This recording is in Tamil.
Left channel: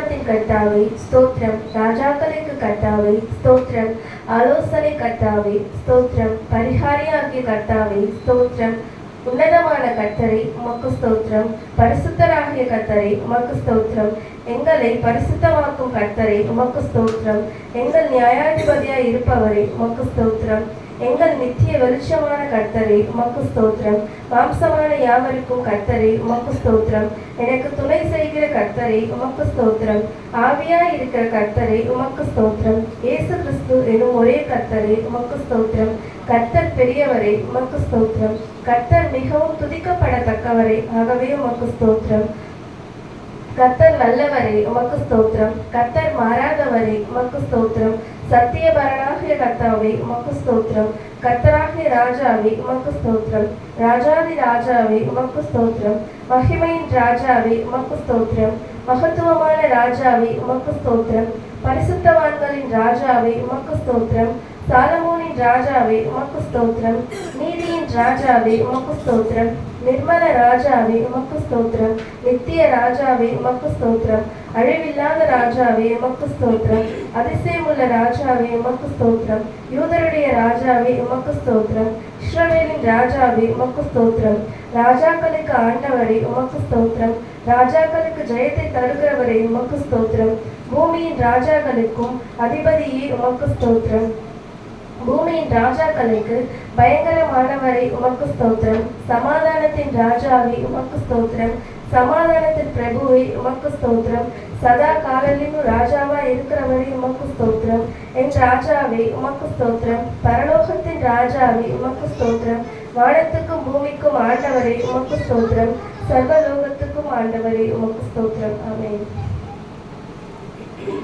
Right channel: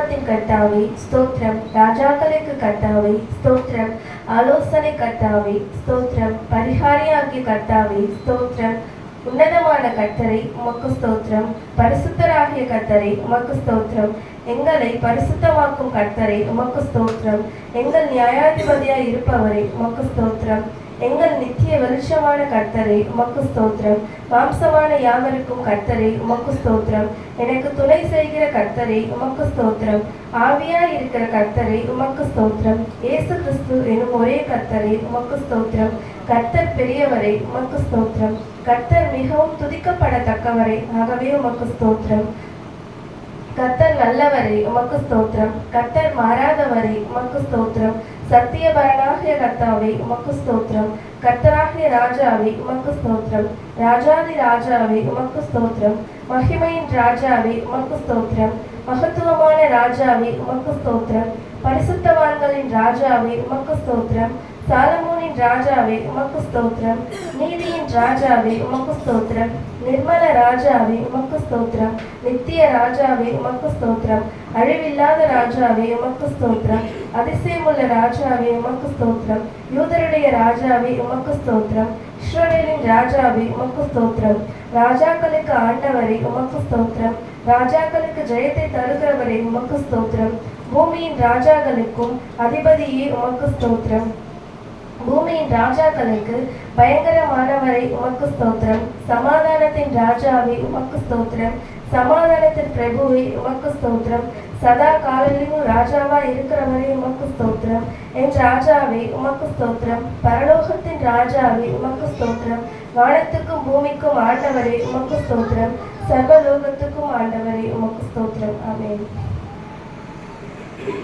கர்த்தாவே ஸ்தோத்திரம். ராஜாக்களுக்கு கர்த்தாவே ஸ்தோத்திரம். ஆலோசனை கர்த்தாவே ஸ்தோத்திரம். பரிகாரியாகிய கர்த்தாவே ஸ்தோத்திரம். உன்னதமான கர்த்தரை உமக்கு ஸ்தோத்திரம். பரிசுத்தராகிய கர்த்தரை உமக்கு ஸ்தோத்திரம். எங்களை பரிசுத்தமாக்கும் கர்த்தரை உமக்கு ஸ்தோத்திரம். எங்கள் நியாயாதிபதியாய் இருப்பவரை உமக்கு ஸ்தோத்திரம். எங்கள் நித்திய வெளிச்சமான கர்த்தரை உமக்கு ஸ்தோத்திரம். மாம்சமான யாவருக்கும் கர்த்தரை உமக்கு ஸ்தோத்திரம். எனக்கு துணை செய்கிற கர்த்தரை உமக்கு ஸ்தோத்திரம். ஆவியாய் இருக்கிற கர்த்தரை உமக்கு ஸ்தோத்திரம். இயேசு கிறிஸ்து எனும் ஒரே கர்த்தரை உமக்கு ஸ்தோத்திரம். கர்த்தர் பெரியவரை உமக்கு ஸ்தோத்திரம். கர்த்தர் மிகவும் துதிக்கப்படத்தக்கவரை ஆகவே உமக்கு ஸ்தோத்திரம். கர்த்தர் நல்லவரை உமக்கு ஸ்தோத்திரம். கர்த்தர் மாறாதவரை உமக்கு ஸ்தோத்திரம். சத்தியபரனாகிய கர்த்தாவே உமக்கு ஸ்தோத்திரம். கர்த்தராகிய ராஜாவே உமக்கு ஸ்தோத்திரம். ராஜாதி ராஜாவே உமக்கு ஸ்தோத்திரம். மகிமையின் ராஜாவே உமக்கு ஸ்தோத்திரம். மகத்துவமான ராஜாவே உமக்கு ஸ்தோத்திரம். பரிசுத்தவான்களின் ராஜாவே உமக்கு ஸ்தோத்திரம். சாலமோனின் ராஜாவே உமக்கு ஸ்தோத்திரம். நீதியின் ராஜாவே உமக்கு ஸ்தோத்திரம். நிர்மல ராஜாவே உமக்கு ஸ்தோத்திரம். நித்திய ராஜாவே உமக்கு ஸ்தோத்திரம். அழிவில்லாத ராஜாவே உமக்கு ஸ்தோத்திரம். அதிசயமுள்ள ராஜாவே உமக்கு ஸ்தோத்திரம். யூதருடைய ராஜாவே உமக்கு ஸ்தோத்திரம். இஸ்ரவேலின் ராஜாவே உமக்கு ஸ்தோத்திரம். ராஜாக்களுக்கு ஆண்டவரை உமக்கு ஸ்தோத்திரம். ராஜாக்களுக்கு ஜெயத்தை தருகிறவரை உமக்கு ஸ்தோத்திரம். பூமியின் ராஜாக்களுக்கும் அதிபதியே உமக்கு ஸ்தோத்திரம். பூமியின் ராஜாக்களுக்கு பயங்கரமானவரை உமக்கு ஸ்தோத்திரம். சமாதானத்தின் ராஜாவே உமக்கு ஸ்தோத்திரம். சமாதானத்தின் பிரபுவை உமக்கு ஸ்தோத்திரம். சதா காலத்திலும் ராஜாவா இருக்கிறவரே உமக்கு ஸ்தோத்திரம். என் ராஜாவே உமக்கு ஸ்தோத்திரம். பரலோகத்தின் ராஜாவே உமக்கு ஸ்தோத்திரம். வானத்துக்கும் பூமிக்கும் ஆண்டவரே உமக்கு ஸ்தோத்திரம். சர்வலோகத்துக்கும் ஆண்டவரே உமக்கு ஸ்தோத்திரம். ஆமென்.